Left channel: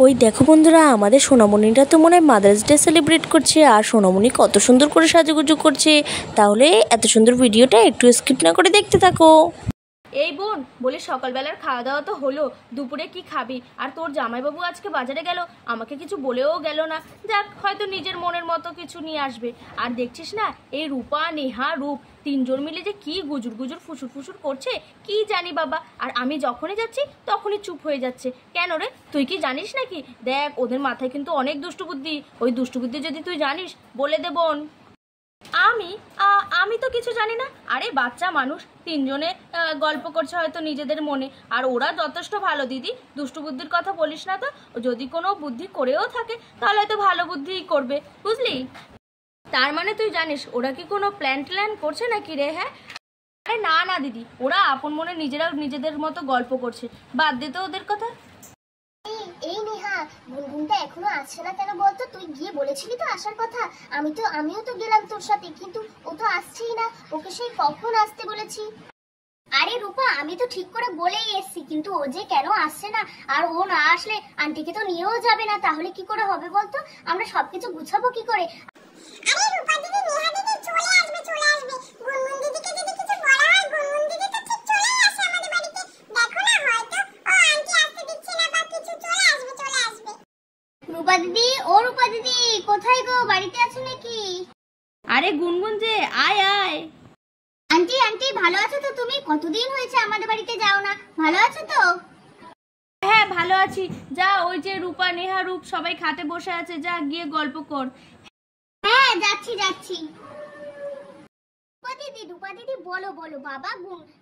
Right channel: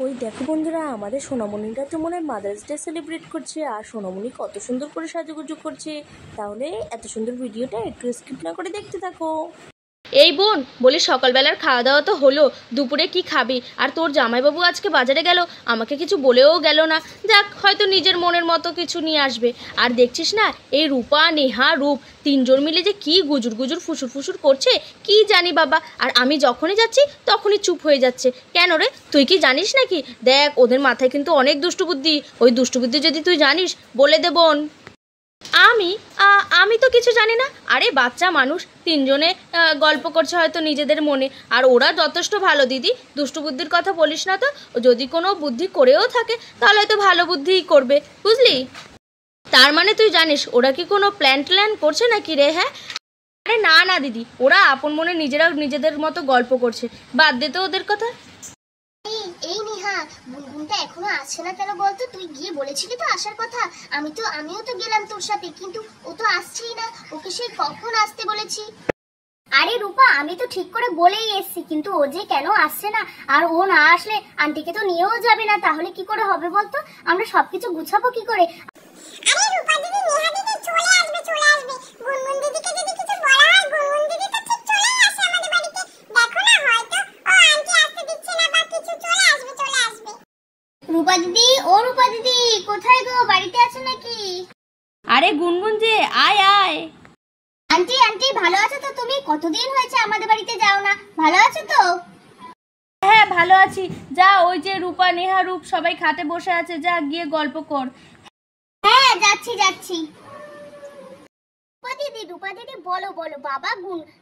ওই দেখো বন্ধুরা, আমাদের সোনামণিটা তো মনে হয় মাদার্স ডে সেলিব্রেট করছে, আর সোনামণি কত সুন্দর করে সাজুগুজু করছে। তাহলে এত সুন্দর ভিডিওটা একটু স্কিপ না করে দেখতে থাকো। এই বোন, বলি সকালবেলার খাওয়া দাওয়া তো হলো, দুপুরে কি খাবি? আর তোর জামাইবাবু আজকে বাজারে গেল, আমাকে কিছু বলেও গেল না। যাক, হয়তো নিজের মনের মতো কিছু নিয়ে আসবে। আর দেখছিস না, এই রূপা, নেহা, রূপ তিনজন মিলে যে কি গুজুর গুজুর ফুসুর ফুসুর করছে কি জানি বাবা। আর আমি যখনই যাচ্ছি তখনই চুপ হয়ে যাচ্ছে। কেন রে, তুই কি জানিস নাকি? দেখ, ওদের মাথায় কিন্তু অনেক দুষ্টু বুদ্ধি। ওই দুষ্টু বুদ্ধি যদি তুই জানিস, বলে দে বোন। আমি আমি তো কিছু জানি না। আরে বাচ্চা মানুষ, তিনজনে গল্প করছে হয়তো নিজেদের মনে। আর ওরা যথেষ্ট ভালো দিদি, দুষ্টু বুদ্ধির কথা বলিস না তো। যদি কোনো বুদ্ধি করেও থাকে তাহলে হয়তো ভালো বুদ্ধিই করবে, বুঝলি? তার মানে তুই জানিস ওরা কি কোনো প্ল্যান করছে নাকি রে? হ্যাঁ, আরে না না দিদি, ওরা আপন মনে নিজেরা নিজেদের মতো গল্প করছে। বাদ দে তো ওদের কথা। এই নেহা, গুনগুনটা এখনো আসছে না কেন বলতো? তুই গিয়ে বলেছিলি তো আসার কথা। আমিও তো গেলাম তোর সাথে, কিন্তু ও তো আসছেই না। ওকে সেই কখন আসতে বলেছি। আরে রূপা, আমি তো ঠিক করে বলেই এসেছি, কিন্তু ও যে কেন আসছে না। আর ও না আসলে আন্টিকে তো নিয়েও যাবে না, তাহলে কি করে হবে বলতো? আমরা সবকিছু গুছাবো কি করে? আরে রূপা দিদি, নেহা দিদি চলে আসবে চলে আসবে। গুনগুন দিদিকে যদি কিছু বলা হয়, গুনগুন দিদি তো ঠিক চলেই আসে আমাদের বাড়িতে। দেখো না, হয়তো ও আন্টি আসতে দিচ্ছে না বা কিছু, চলে আসবে চলে আসবে। রূপা দিদি, ও রূপা দিদি, কোথায় গো? বাড়িতে আছো নাকি? আরে গুনগুন যে, আয় আয়। আন্টি আন্টি, ভালো আছো তো তুমি? কতদিন হয়েছে আমাদের বাড়িতে যাও না। ভালো আছো তো? হ্যাঁ, ভালো আছি। যা, ওই যে রূপা, নেহা, রূপ সবাই খাটে বসে আছে, যা গিয়ে গল্প কর। হ্যাঁ, যাচ্ছি যাচ্ছি। রূপা দিদি বলো বলো। বাবা,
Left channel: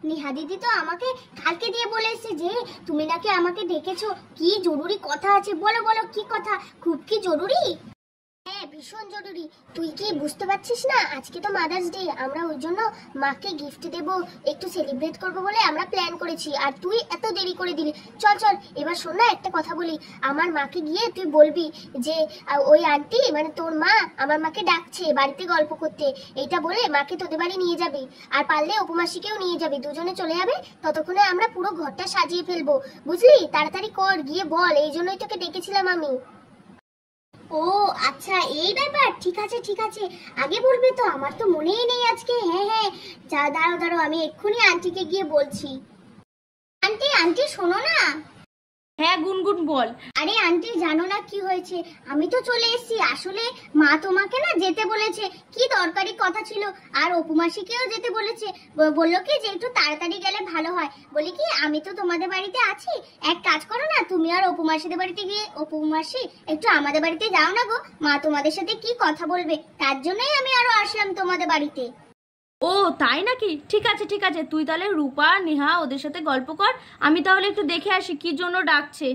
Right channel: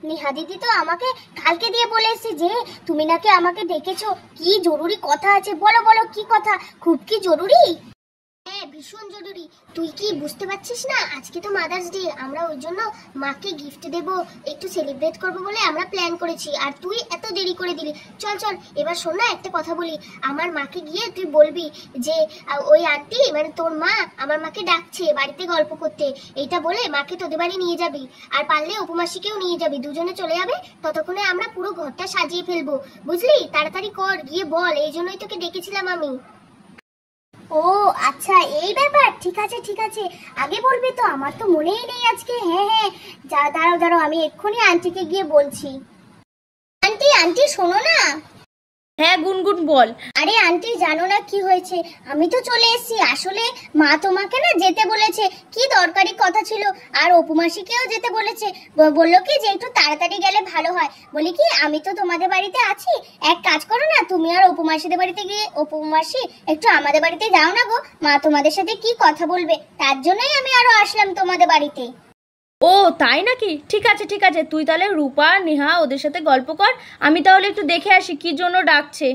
নেহা দিদি তো আমাকে কালকে দিয়ে বলে এসেছে যে তুমি নাকি আমাকে ডেকেছো, কি জরুরি কথা আছে। বলো বলো, কি কথা? খুব কি জরুরি? হ্যাঁ, ভীষণ জরুরি। তুই কি বুঝতে পারছিস না, আজকে তো মাদার্স ডে। আমরা ওই জন্য মাকে গিফট দেব, একটু সেলিব্রেট করব বলে আমরা প্ল্যান করেছি। আর তুই এত দেরি করে দিলি। চল চল, এবার শোন না, একটা কথা বলি। আমার মাকে গিয়ে তুই বলবি যে ওই আন্টি মানে তোর মা আমার মাকে ডাকছে বাড়িতে গল্প করতে। এইটা বলে মাকে তোদের বাড়ি নিয়ে যাবি। আর পারলে অপুমাসিকেও নিয়ে যাবি, দুজনে চলে যাবে। ততক্ষণে আমরা পুরো ঘরটা সাজিয়ে ফেলবো, বুঝলি? তাড়াতাড়ি কর, গিয়ে বল। এই জন্যই তোকে ডেকেছিলাম আমি। ও আচ্ছা, এই ব্যাপার। ঠিক আছে ঠিক আছে, আগে বলবে তো, আমার তো মনেই নেই আজকে। হ্যাঁ হ্যাঁ, যা, দাঁড়াও দাঁড়াও, আমি এক্ষুনি আন্টিকে গিয়ে বলছি। আন্টি আন্টি, শোনো না। হ্যাঁ গুনগুন, বল। আরে আন্টি, জানো না কি হয়েছে? আমি তো চলে এসেছি। আসলে মা তোমাকে না যেতে বলেছে, কি দরকারি কথা ছিল। আর অপুমাসিকেও যেতে বলেছে। বললো কি যে একটু তাড়াতাড়ি গেলে ভালো হয়। বলি কি, আমি তো তোমাদের বাড়িতে আছি, এক কাজ করো না, তুমি আর অপুমাসিদের বাড়িতে গিয়ে, অপুমাসি একটু আমাদের বাড়িতে যাও না গো। মা তোমাদের সাথে কি কথা বলবে, তার জন্যই আমি আরো আসলাম তোমাদের বাড়িতে। ও তাই নাকি? ঠিক আছে ঠিক আছে, তুই তাহলে রূপা, নেহা ওদের সাথে গল্প কর। আমি তাহলে একটু দেখে আসি কি জন্য ডাকছে।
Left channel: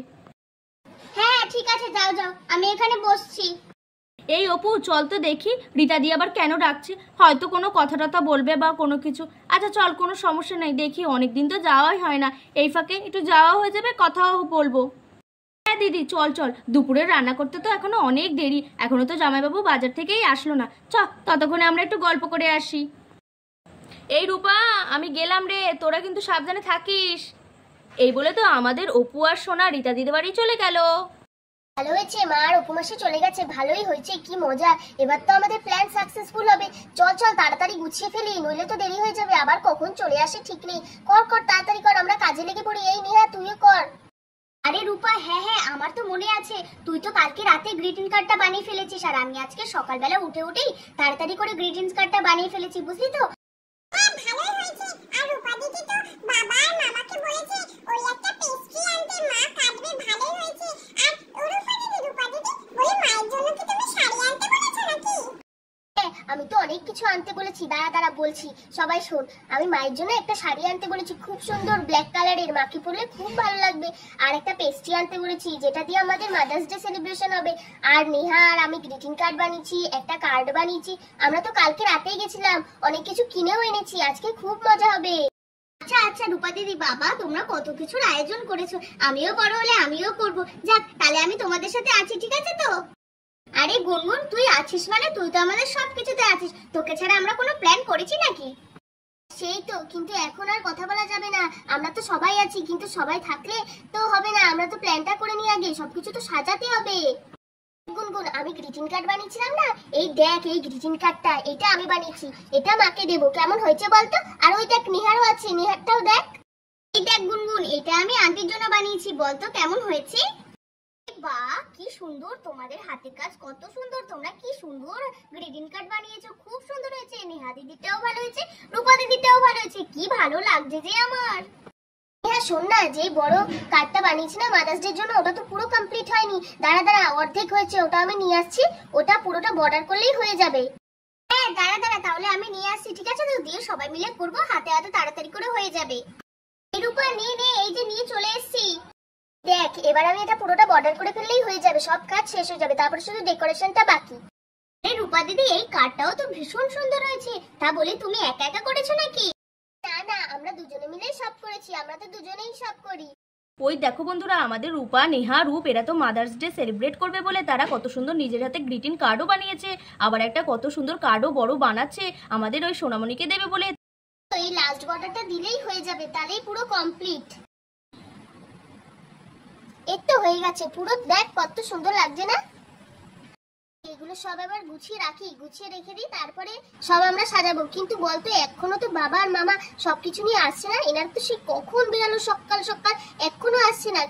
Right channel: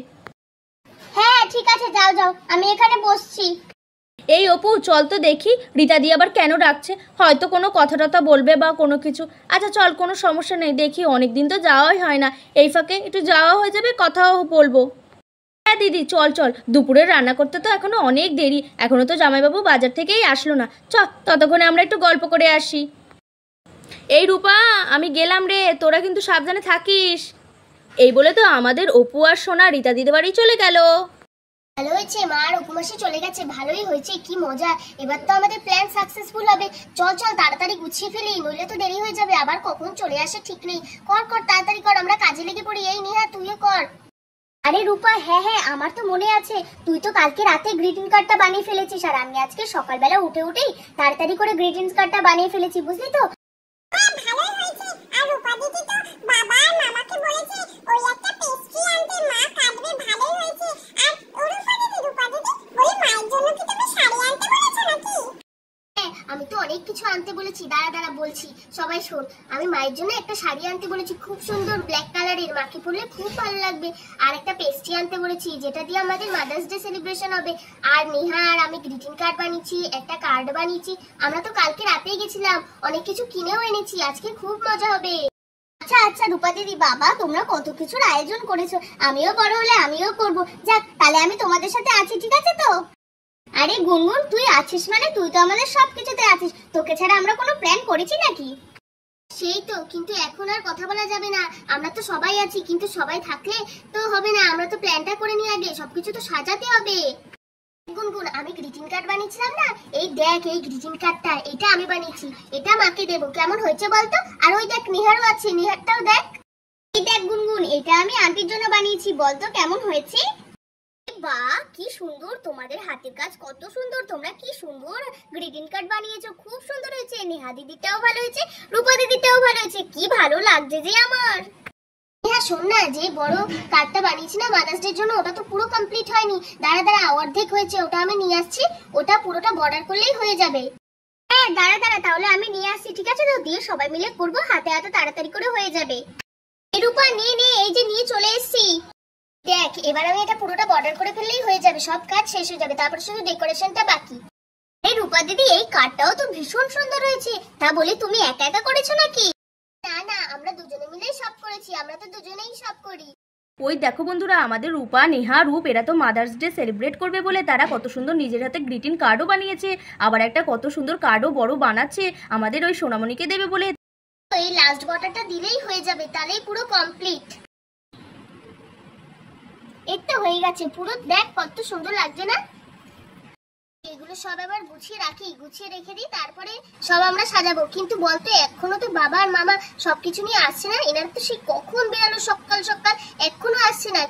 হ্যাঁ ঠিক আছে, যাও যাও, আমি এখানে বসছি। এই অপু, চল তো দেখি রীতা দি আবার কেন ডাকছে। হয়তো কোনো কথা টথা বলবে বা কোনো কিছু। আচ্ছা চল, কোনো সমস্যা নেই, দেখি। অনেকদিন তো যাওয়াই হয় না, এই ফাঁকে একটু যাওয়া হয়ে যাবে, কথাও বলবো। হ্যাঁ দিদি, চল চল। দুপুরে রান্না করতে তো এখনো অনেক দেরি, এখনো তো জামাইবাবু বাজার থেকেই আসলো না। চল, ততক্ষণে আমরা একটু গল্প করে আসি। এই রূপা, আমি গেলাম রে, তোরা কিন্তু সাবধানে থাকিস। এই বলে তো আমাদের অপু আর সোনা রীতা দিদি বাড়ি চলে গেল। ভালো হয়েছে, মা আর উপমাসে চলে গেছে, ভালোই হয়েছে। কি মজা, এবার তো আমাদের প্ল্যান সাকসেসফুল হবে। চল চল, তাড়াতাড়ি গুছিয়ে ফেলি, নইলে তো দেরি হয়ে যাবে। আবার কখন চলে আসে ঠিক নেই। কর কর, তাড়াতাড়ি কর, আমরা কাজে লেগে পড়ি। এই নেহা, তুইও কর। আরে রূপা, হ্যাঁ হ্যাঁ, আমার তো মনে আছে। তুই তো কালকে রাতে গ্রিটিং কার্ডটা বানিয়ে ফেলেছিস, আর আমি আজকে সকালবেলা উঠে উঠেই তাড়াতাড়ি করে গ্রিটিংস কার্ডটা বানিয়ে ফেলেছি, বুঝলি তো? ভালোই হয়েছে। আর রূপা দিদি তো বাবা আর মামাকে বলেছে ওই একটা পেস্ট্রি আনতে, মা কাটবে। ভালোই হয়েছে। আর রূপা দিদি বলে, মায়ের জন্য কি তুমি শাড়ি আনতে বলেছো নাকি? হ্যাঁ, আমি তো অনেক কিছু আনতে বলেছি। দাঁড়া দাঁড়া বলছি, সবাই শোন। আমি মায়ের জন্য একটা শাড়ি আনতে বলেছি, খুব সুন্দর ব্ল্যাক কালারের, মাকে পরলে খুব ভালো লাগবে। আর একটা পেস্ট্রি আনতে বলেছি, যেটা দিয়ে আমাদের মাদার্স ডে সেলিব্রেশন হবে। আর নেহা আর আমি গ্রিটিং কার্ড বানিয়েছি, একটা কার্ড বানিয়েছি। আমরা তো কালকে রাতেই গেছিলাম, অনেক কিছু কিনেও এনেছি, আজকে খুব মজা হবে। আচ্ছা আচ্ছা রূপা দিদি, বাবা তোমরা কত কিছুর আয়োজন করেছো। আমিও বড় হলে আমিও করব। যাক, তাহলে আমি তোমাদের সাথে আছি, ঠিক আছে তো? আরে গুনগুন, তুই আছিস মানে তুই তো আমাদের সবকিছুতে আছিস। তোকে ছাড়া আমরা কোনো প্ল্যান করেছি নাকি? সেই তো, কিন্তু এখন আর কথা বলা যাবে না। আমরা তো সবাই আছি, কিন্তু সবাই থাকলে তো হবে না। আমরা তো প্ল্যানটা করে নিই আগে, সবকিছু তো সাজাতে হবে। গুনগুন, আমি গ্রিটিং কার্ড বানিয়েছিলাম না, এই দেখ এই গ্রিটিং কার্ডটা, এটা আমি বানিয়েছি, এটা মাকে দেবো। কেমন হয়েছে বলতো? আর ওই দেখ নিহারও আছে, নিহারটাও দেখ। এই দেখ গুনগুন, এটা আমি আন্টির জন্য বানিয়েছি, বলতো কেমন হয়েছে? বাহ, কি সুন্দর, তোমাদের হাতের কাজ কত সুন্দর। তোমরা কি সুন্দর গ্রিটিং কার্ড বানিয়েছো, খুব সুন্দর হয়েছে। নেহা দিদিটাও ভালো হয়েছে, রূপা দিদিটাও ভালো হয়েছে। কি ভালো লাগছে যে আমার। হ্যাঁ শোন না, যে বড় কার্ডটা বানিয়েছি না মাদার্স ডের জন্য, ওটা তো পুরো কমপ্লিট হয়নি। দাঁড়া দাঁড়া, অর্ধেক হয়েছে, ওটা আমি নিয়ে আসছি। ওটা পুরোটা বর্ডার করলেই হয়ে যাবে। হ্যাঁ দাঁড়া দাঁড়া, তাহলে আমি নিয়ে আসছি, ঠিক আছে? তো দিয়ে সবাই মিলে করবো, হাতে হাতে তাড়াতাড়ি করে হয়ে যাবে। এই রূপা নে নে, এই যে নিয়ে চলে এসেছি। দেখ এবার আমি এটা পুরোটা বর্ডার করে ফেললেই হয়ে যাবে, সব কাজ শেষ হয়ে যাবে, তারপর শুধু ডেকোরেশনটা বাকি। এই রূপা দিদি, এই কার্ডটাও তো ভীষণ সুন্দর হয়েছে। তা বলে তুমি একা একা করেছো নাকি? না না, আমরা দুজনে মিলেই সব করেছি, আমরা তো দুজনেই সব করি। ওই দেখো বন্ধুরা, আমাদের রূপা, নেহা, রূপ এরা তো মাদার্স ডে সেলিব্রেট করবে বলে তারা কত সুন্দর নিজের হাতে গ্রিটিং কার্ডও বানিয়েছে, আবার একটা কত সুন্দর কার্ডও বড় বানাচ্ছে আমাদের ওই সোনামণিকে দেবে বলে। এই লাস্ট বর্ডারটা দিলেই হয়ে যাবে, তাহলেই পুরো কমপ্লিট। এই তো হয়ে গেছে পুরো, দেখ কত সুন্দর লাগছে না? এগুলো সব আবার গুছিয়ে রাখি, গুছিয়ে রেখে দিই, তারপরে সব আমরা সাজাবো। কিন্তু বলতো এখনো তো বাবা আর মামা সবকিছু নিয়ে আসছে না। এনার তো সে কখন বেরালো, সকাল সকাল, এখনো আসছে না।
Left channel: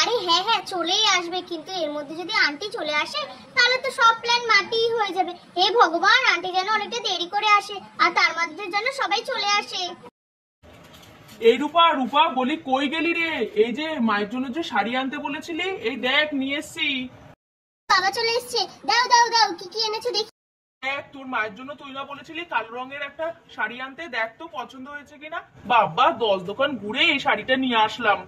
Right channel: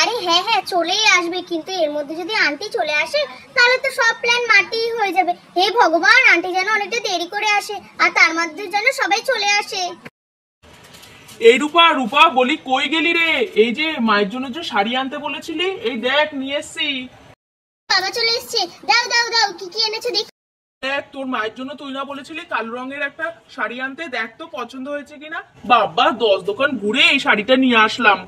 আরে হ্যাঁ হ্যাঁ, চলেই আসবে, কিন্তু এর মধ্যে যদি আন্টি চলে আসে তাহলে তো সব প্ল্যান মাটি হয়ে যাবে। হে ভগবান, আন্টি যেন অনেকটা দেরি করে আসে, আর তার মধ্যে যেন সবাই চলে আসে। এই রূপা, রূপা বলি কই গেলি রে? এই যে মায়ের জন্য যে শাড়ি আনতে বলেছিলি, এই দেখ নিয়ে এসছি। বাবা চলে এসছে, দাও দাও দাও, কি কি এনেছো দেখি। দেখ, তোর মায়ের জন্য তুই না বলেছিলি কালো রঙের একটা শাড়ি আনতে, দেখ তো পছন্দ হয়েছে কিনা। বাবা 10 দোকান ঘুরে এই শাড়িটা নিয়ে আসলাম।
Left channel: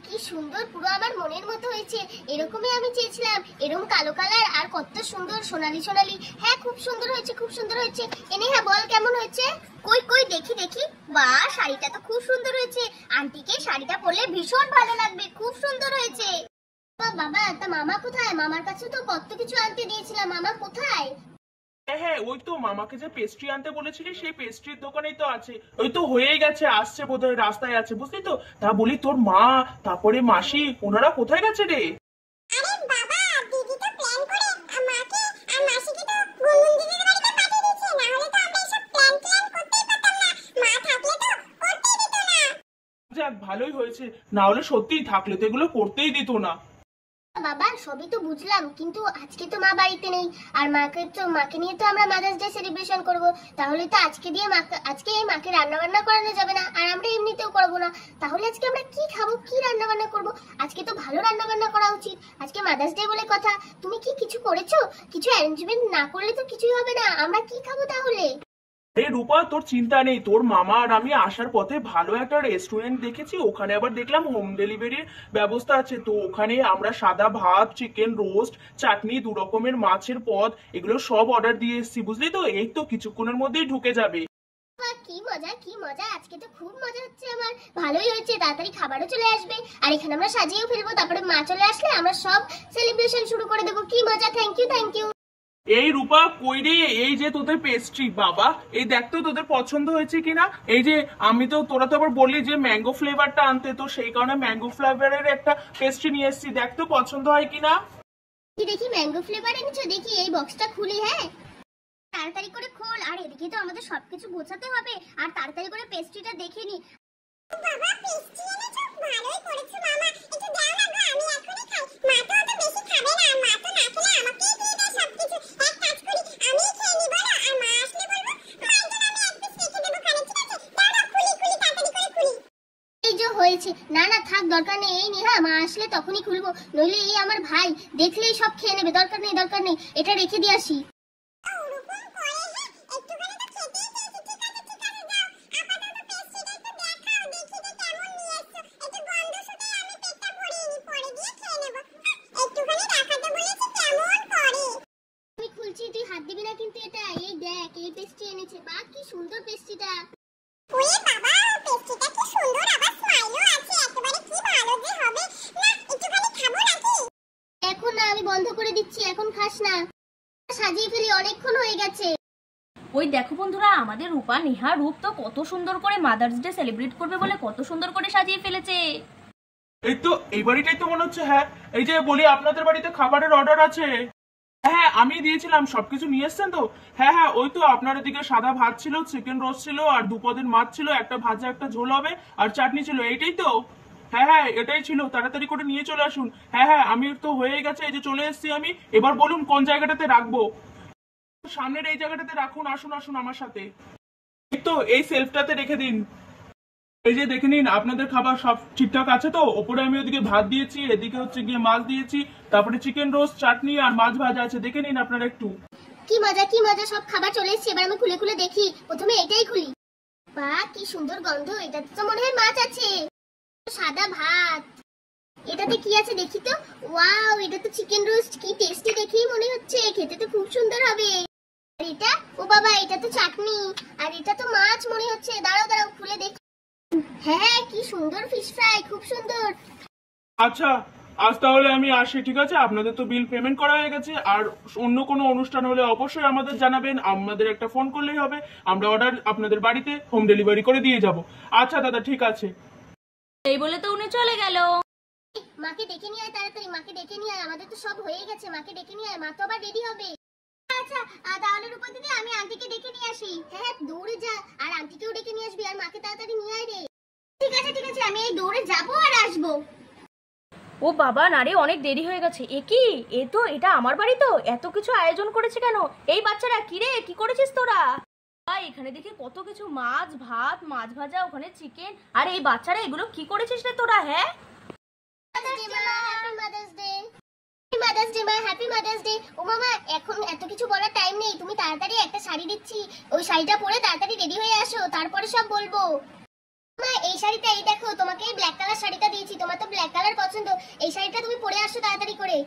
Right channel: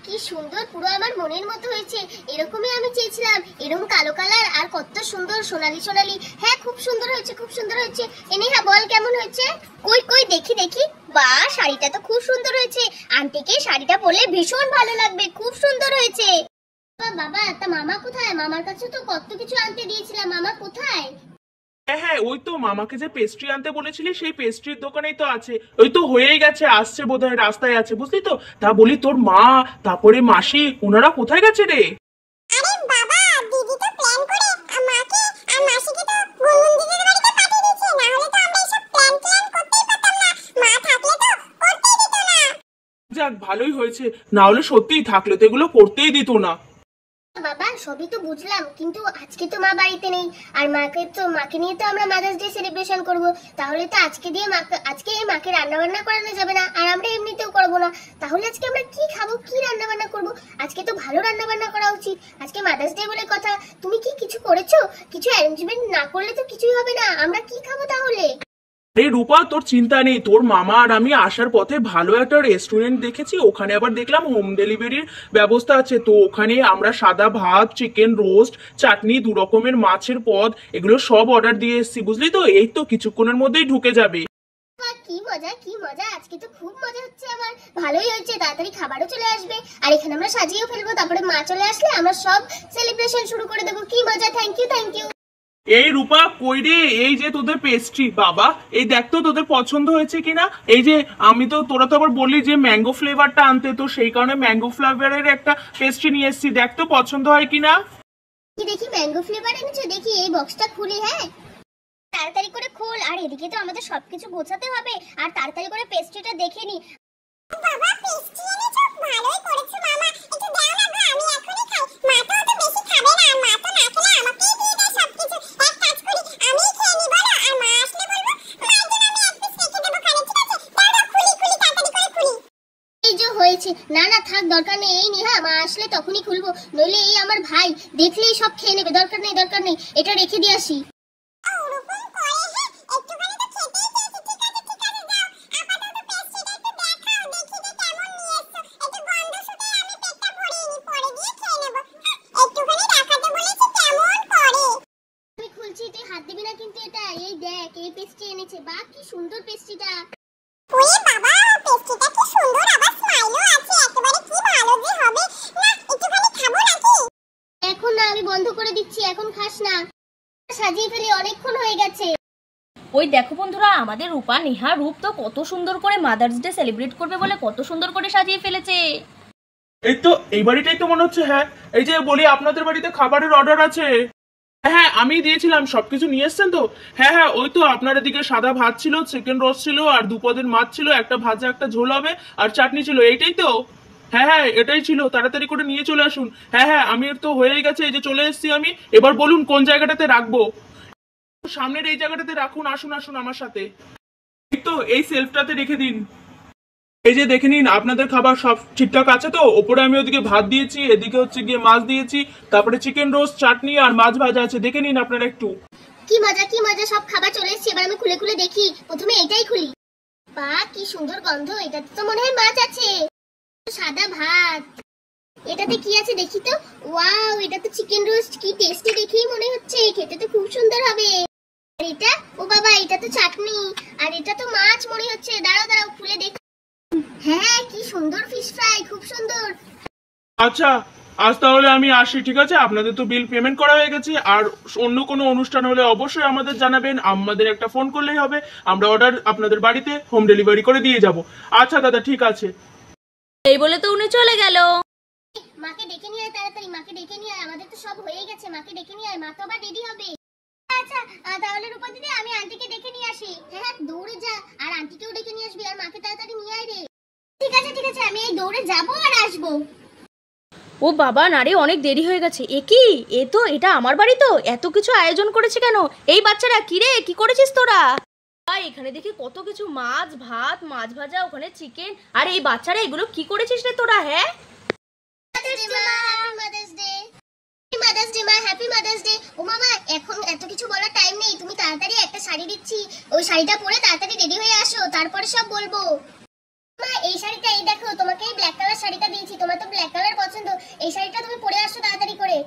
কি সুন্দর, পুরো আমার মনের মতো হয়েছে। এরকমই আমি চেয়েছিলাম, এরকম কালো কালার আর কত সুন্দর সোনালি সোনালি। হ্যাঁ খুব সুন্দর হয়েছে, খুব সুন্দর হয়েছে। এনে হ্যাঁ বল কেমন হয়েছে? কই কই দেখি দেখি। বাহ, শাড়িটা তো খুব সুন্দর হয়েছে। আন্টিকে শাড়িটা পরলে ভীষণ ভালো লাগবে, খুব সুন্দর হয়েছে। বাবা তা মামা কোথায়? মামার কাছে তো কত কিছু আনতে দিয়েছিলাম, মামা কোথায়? হ্যাঁ হ্যাঁ, ওই তো মামাকে যে পেস্ট্রি আনতে বলেছিলি সেই পেস্ট্রির দোকানেই তো আছে। ওই তো হয়েই গেছে, আসছে বোধহয়, রাস্তায় আছে, বুঝলি তো। তা বলি তোর মা, তারপরে মাসি, ওনারা কোথায় গেছে রে? আরে বাবা, দিদি তো প্ল্যান করে আমাকে আর মাসিকে তো গুনগুন দিদির বাড়িতে পাঠিয়ে দিয়েছে, না হলে তো আমরা এসব প্ল্যান করতেই পারতাম না। মা থাকলে তো করতেই দিত না। যাক ভালোই হয়েছে, না হলে সত্যিই থাকলে তো এগুলো করতেই দিত না। বাবা সবই তো বুঝলাম, কিন্তু আজকে তো মা বাড়িতে নেই, আর মাকে নিয়ে তো আমরা মাদার্স ডে সেলিব্রেশন করব। তাহলে তো আজকে মাকে রান্না বান্না করানো যাবে না, আর আমরা এমনিতেও করব না। তাহলে আজকে আমরা কি খাবো, কি রান্না বান্না করব? আজকে তো ভালো রান্না বান্না করা উচিত, আজকে মাদার্স ডে বলে কথা। তুমি কি কিছু করেছো? কিছু অ্যারেঞ্জমেন্ট না করলে তো কিছুই হবে না। আমরা কি খাবো তাহলে? আরে রূপা, তোর চিন্তা নেই, তোর মামা আর আমি আসার পথে ভালো একটা রেস্টুরেন্ট দেখেছি, ওখানে আবার দেখলাম হোম ডেলিভারির ব্যবস্থা আছে। তো ওখানে আমরা সাদা ভাত, চিকেন রোস্ট, চাটনি, 2 রকমের মাছের পদ, এগুলো সব অর্ডার দিয়ে এসেছি, বুঝলি তো। এই তো কিছুক্ষণের মধ্যেই ঢুকে যাবে। কি মজা, কি মজা, আজকে তো খুব মজা হচ্ছে আমার। ভালোই হয়েছে, তাড়াতাড়ি খাবারও চলে আসবে, আর এখানে আমরা সাজিয়েও ফেলবো। তারপরে মা চলে আসলে আমরা সব সেলিব্রেশন শুরু করে দেবো। কি মজা, থ্যাংক ইউ থ্যাংক ইউ। এই রূপা কই রে? এই যে তোদের পেস্ট্রি, বাবা এই দেখ তো তোদের পছন্দ হয়েছে কিনা। এই যে তোরা তো আবার বললি যে ম্যাঙ্গো ফ্লেভারটা আনতে, তো সেই কারণে ম্যাঙ্গো ফ্লেভারের একটা পেস্ট্রি নিয়ে এসেছি, দেখ তো পছন্দ হয় কিনা। দেখি ম্যাঙ্গো ফ্লেভার এনেছো, দেখি এই বক্সটা খুলি। হ্যাঁ তাড়াতাড়ি করে খোল, আর এদিকে তো আমাদের সবকিছু গোছাতে হবে, আর তাড়াতাড়ি করে পেস্ট্রিটা দেখে নি। বাবা পেস্ট্রি এনেছো, ভালোই করেছো মামা, একটু দাও না গো, আমি এখনই খাই। মা তো অত বেশি খাবে না, মা তো না খেলে আমাকেই দিয়ে দেয় সবকিছু। এক কাজ করি, আমি খেয়ে নিব না, আর মা আসলে বলবো মায়ের জন্য আমি এক পিস রেখে দেবো কানে, ঠিক আছে? দাও দাও, খুলি খুলি, তাড়াতাড়ি করে খুলি। এই যে হয়েছে, না না থাক, দরকার নেই, এই নি। হ্যাঁ মা আসলে তখনই খুলবো, নইলে এই আমার ভাই দেখলেই সব খেয়ে নেবে। দরকার নেই দরকার নেই, এটা রেখে দিয়ে আসি। হাত দিবি না কিন্তু এটা। এই দেখ এই পেস্ট্রি এনেছে, বাহ কি সুন্দর পেস্ট্রিটা। ওরে বাবা, পেস্ট্রিটা কি সুন্দর, আবার স্মাইলও আছে, একেবারে কি ভালো যে হবে। না একটুখানি খাবো নাকি? এখন না, আমি বন্ধ করে দিচ্ছি, এখন খাস না। সাজিয়ে ওই দেখো বন্ধুরা, আমাদের রূপা নেহা রূপ তো কত সুন্দর করে মাদার্স ডে সেলিব্রেট করবে বলে কত সুন্দর করে সাজিয়ে ফেলেছে। এই তো এই বাড়িটাই তো মনে হচ্ছে। হ্যাঁ, এই যে বলি আপনাদের বাড়িতে খাবারের অর্ডার আছে। হ্যাঁ, আমি দিয়েছিলাম, সবকিছু নিয়ে এসছেন তো? হ্যাঁ হ্যাঁ, ওই তো আপনার এদিকে সাদা ভাত ছিল, চিকেন রোস্ট ছিল, আর দুপদের মাছ ছিল, একটা ভাজা একটা ঝোল হবে, আর চাটনি ছিল, এইটাই তো? হ্যাঁ হ্যাঁ, এটাই ছিল, তাড়াতাড়ি করে নিয়ে চলে আসুন। হ্যাঁ হ্যাঁ, আমি তো হয়ে গেছে, এই যে চলে এসেছি আমি। এবার বলুন কোন জায়গাটাতে রাখবো? সামনের এই জায়গাটাতে রাখুন, আসুন আসুন আমার সাথে। এই তো এই সেলফটাতে রেখে দিন। এই যে দেখে নিন, আপনাদের খাবার সব ঠিকঠাক আছে তো? ওপরে আমি ওদিকে ভাত দিয়েছি, এদিকে হচ্ছে গিয়ে মাছ দিয়েছি, তারপরে চিকেন রোস্ট, চাটনি আর মাছ ভাজা আছে, দেখে নিন আপনারা একটু। কি মজা, সব খাবার চলে এসেছে। এবার আমি খুলে খুলে দেখি। প্রথমে এটাই খুলি। বাহ, কি সুন্দর গন্ধ। এটাতে তো মনে হয় মাছ আছে। সাদা ভাত। এটাতে কি আছে দেখি তো। ওয়াও, এটা তো চিকেন রোস্ট। কি টেস্টি দেখেই মনে হচ্ছে, খেতে তো খুব সুন্দর হবে। আর এটা, ও বাবা, এটা তো চাটনি। আর এটা তো মাছ মনে হচ্ছে। দাঁড়াও খুলে দেখি। হ্যাঁ, কি সুন্দর ফিশ ফ্রাই, খুব সুন্দর। আচ্ছা, আজ তাহলে আমি আসি, ঠিক আছে? আপনাদের তো বিল পেমেন্ট করা হয়ে গেছে। আর অন্য কোনো অনুষ্ঠান হলে অবশ্যই আমাদের জানাবেন, আমাদের একটা ফোন করলেই হবে, আমরা অর্ডার আপনাদের বাড়িতে হোম ডেলিভারি করে দিয়ে যাব। আচ্ছা দাদা, ঠিক আছে। এই বলে তো উনি চলে গেল। মাকে ডেকে নিয়ে আয় তাড়াতাড়ি, মাকে ডেকে নিয়ে আয়। আমাদের তো সব হয়ে গেছে, মাকে ডেকে নিয়ে আয়, মা তো আবার রেডি হবে। আচ্ছা, তাহলে রূপা দিদি, আমি আন্টিকে ডেকে নিয়ে আসি। হ্যাঁ, দৌড়ে যা, আর আন্টিকেও ডেকে নিয়ে আসবি, আর মাকে তাড়াতাড়ি নিয়ে আয় রে। ঠিক আছে, আমি এই দৌড়ে যাবো আর আসবো। ও বাবা, নারে অনেক দেরি হয়ে গেছে। এ কি, এটা আমার বাড়ি তো? এত কিছু আয়োজন করেছে কেন এই বাচ্চারা? কি রে, কি করেছিস তোরা? এখানে দেখি কত কিছু, মাছ ভাত, মাছ ভাজা, ওখানে চিকেন। আর এই বাচ্চারা এগুলো কি করেছিস রে তোরা? হ্যাঁ, হ্যাপি মাদার্স ডে। ও মামা, এখন এত কিছু বলার টাইম নেই। তুমি তাড়াতাড়ি একটা শাড়ি দিচ্ছি, ওই শাড়িটা পরে তাড়াতাড়ি রেডি হয়ে আসো, তারপরে সব বলবো। মা, এই শাড়িটা, এই দেখো, তোমাকে এই ব্ল্যাক কালার শাড়িটা দিয়েছি। তোমার তো ব্ল্যাক কালার পছন্দ। এই শাড়িটা তুমি পরে আসো তাড়াতাড়ি করে।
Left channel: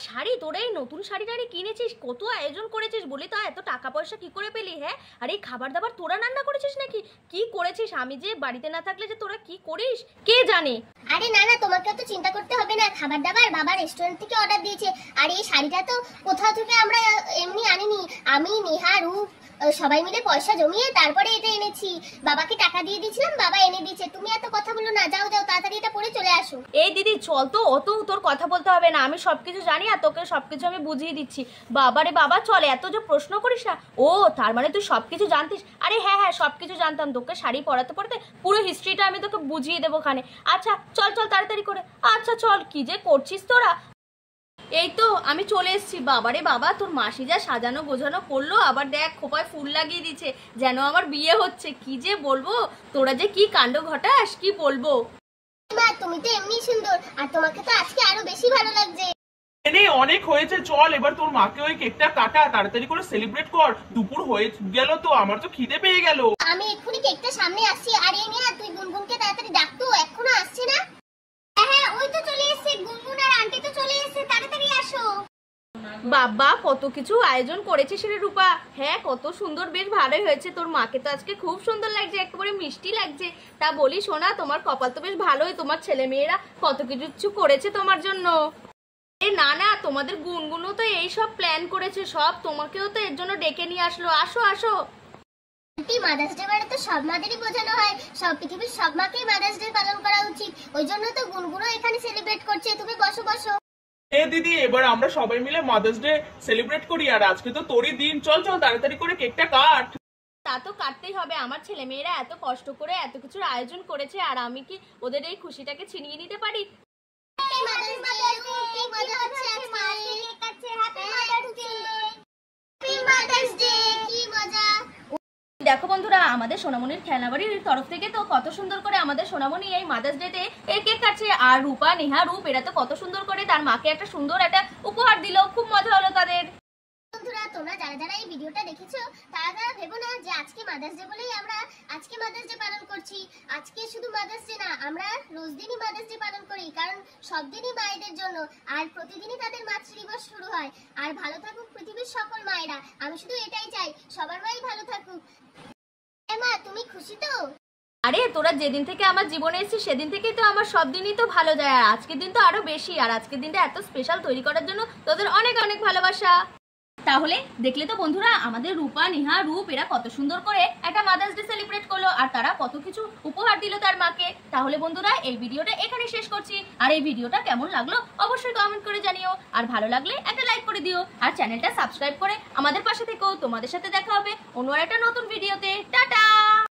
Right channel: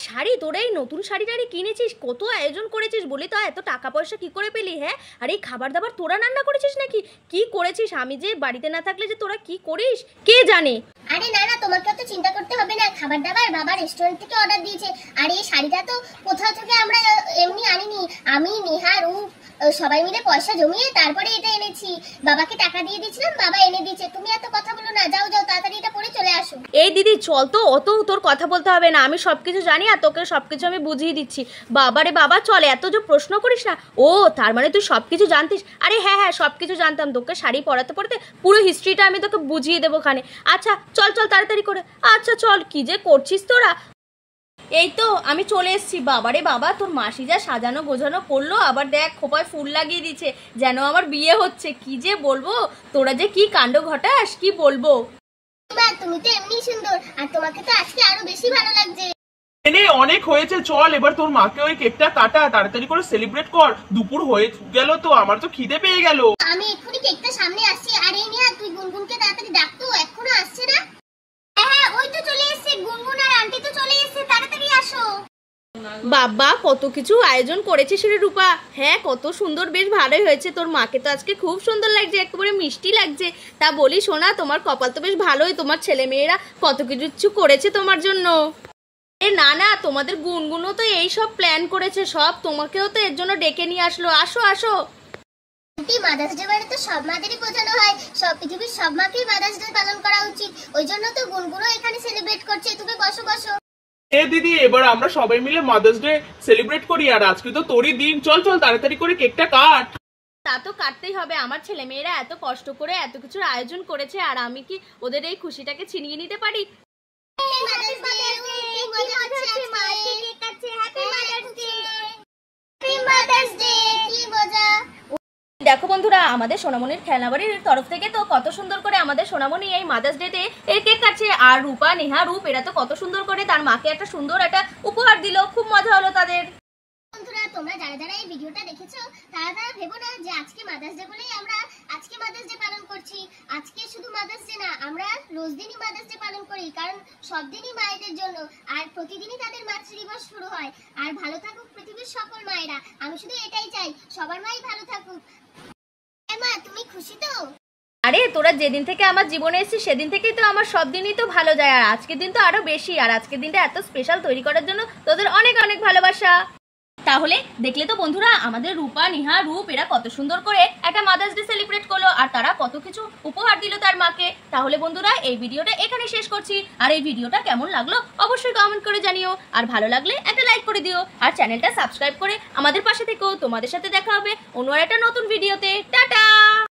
শাড়ি? তোরা এই নতুন শাড়ি টাড়ি কিনেছিস? কত আয়োজন করেছিস বলি তো, এত টাকা পয়সা কি করে পেলি? হ্যাঁ, আর এই খাবার দাবার তোরা রান্না করেছিস নাকি? কি করেছিস? আমি যে বাড়িতে না থাকলে যে তোরা কি করিস কে জানে। আরে না, তোমাকে তো চিন্তা করতে হবে না। খাবার দাবার বাবা রেস্টুরেন্ট থেকে অর্ডার দিয়েছে। আর এই শাড়িটা তো কোথাও থেকে আমরা এমনি আনিনি। আমি, নেহা, রূপ সবাই মিলে পয়সা জমিয়ে তারপরে এটা এনেছি। বাবাকে টাকা দিয়ে দিয়েছিলাম, বাবা এনে দিয়েছে। তুমি এত কথা বলো না, যাও তাড়াতাড়ি এটা পরে চলে আসো। এই দিদি চল তো, অত তোর কথা বলতে হবে না, আমি সবকিছু জানি আর তোকে সবকিছু আমি বুঝিয়ে দিচ্ছি। বাবারে বাবা, চল, এত যে প্রশ্ন করিস না। ও, তার মানে তুই সবকিছু জানতিস? আরে হ্যাঁ, সবকিছু জানতাম। তোকে শাড়ি পরাতে পুরো হিস্ট্রিটা আমি তোকে বুঝিয়ে দেবো ওখানে। আচ্ছা চল তাড়াতাড়ি করে। আচ্ছা চল, কি যে করছিস তোরা। এই তো আমি চলে এসেছি। বাবারে বাবা, তোর মাসি যা সাজানো গোছানো করলো, আবার দেখ খোপায় ফুল লাগিয়ে দিচ্ছে, যেন আমার বিয়ে হচ্ছে। কি যে বলবো, তোরা যে কি কাণ্ড ঘটাস, কি বলবো। মা, তুমি তো এমনি সুন্দর, আর তোমাকে তো আজকে আরো বেশি ভালো লাগছে। এনে অনেক হয়েছে, চল এবার তোর মাকে ওই কেকটা কাটা, তাড়াতাড়ি করে সেলিব্রেট কর। দুপুর হয়ে গেল তো, আমার তো খিদে পেয়ে গেল। আমি এক্ষুনি কেকটা সামনে আসছি। আর এই নিয়ে তুই গুনগুনকে তাড়াতাড়ি ডাকতো, এখনো আসছে না। হ্যাঁ, ওই তো চলে এসেছে গুনগুন, আর আন্টি তো চলে এসেছে, তাড়াতাড়ি আসো। বাবা, কত কিছু আয়োজন করেছিস রে রূপা। হ্যাঁ, কত সুন্দর, বেশ ভালোই হয়েছে। তোর মাকে তো আজকে খুব সুন্দর লাগছে, একেবারে মিষ্টি লাগছে। তা বলি শোনা, তোমার কপাল তো বেশ ভালোই, তোমার ছেলে মেয়েরা কত কিছু করেছে তোমার জন্য। না, তোমাদের গুনগুনও তো এই সব প্ল্যান করেছে সব, তোমাকেও তো এর জন্য ডেকে নিয়ে আসলো। আসো। মাদার্স ডে মানে তো সব মাদেরই বোঝানো হয়, সব পৃথিবীর সব মাকেই মাদার্স ডে পালন করা উচিত। ওই জন্য তো গুনগুনও এখানে সেলিব্রেট করছে। তুমি বসো। এ দিদি, এবার আমরা সবাই মিলে মাদার্স ডে সেলিব্রেট করি। আর আজকে তো তোরই দিন, চল তাড়াতাড়ি করে কেকটা কাট। তা তো কাটতেই হবে। আমার ছেলে মেয়েরা এত কষ্ট করে এত কিছুর আয়োজন করেছে, আর আমি কি ওদের এই খুশিটাকে ছিনিয়ে নিতে পারি? দেখো বন্ধুরা, আমাদের সোনামণির খেলনাবাড়ির তরফ থেকে তো কত সুন্দর করে আমাদের সোনামণি এই মাদার্স ডেতে এর কেক কাটছে। আর রূপা, নেহা, রূপ এরা তো কত সুন্দর করে তার মাকে একটা সুন্দর একটা উপহার দিল। খুব মজা হলো তাদের। বন্ধুরা, তোমরা যারা এই ভিডিওটা দেখেছো তারা ভেবো না যে আজকে মাদার্স ডে বলেই আমরা আজকে মাদার্স ডে পালন করছি। আজকে শুধু মাদার্স ডে না, আমরা রোজ দিনই মাদার্স ডে পালন করি, কারণ সব দিনই মায়েদের জন্য। আর প্রতিদিনই তাদের মাতৃ দিবস শুরু হয়। আর ভালো থাকুক পৃথিবীর সকল মায়েরা। আমি শুধু এটাই চাই, সবার মাই ভালো থাকুক। মা, তুমি খুশি তো? আরে তোরা যেদিন থেকে আমার জীবনে এসেছিস সেদিন থেকেই তো আমার সব দিনই তো ভালো যায়, আর আজকের দিন তো আরো বেশি। আর আজকের দিনটা এত স্পেশাল তৈরি করার জন্য তোদের অনেক অনেক ভালোবাসা। তাহলে দেখলে তো বন্ধুরা, আমাদের রূপা, নিহা, রূপ এরা কত সুন্দর করে একটা মাদার্স ডে সেলিব্রেট করলো আর তারা কত কিছু উপহার দিল তার মাকে। তাহলে বন্ধুরা, এই ভিডিওটা এখানে শেষ করছি। আর এই ভিডিওটা কেমন লাগলো অবশ্যই কমেন্ট করে জানিও, আর ভালো লাগলে একটা লাইক করে দিও, আর চ্যানেলটা সাবস্ক্রাইব করে আমাদের পাশে থেকো। তোমাদের সাথে দেখা হবে অন্য একটা নতুন ভিডিওতে। টাটা।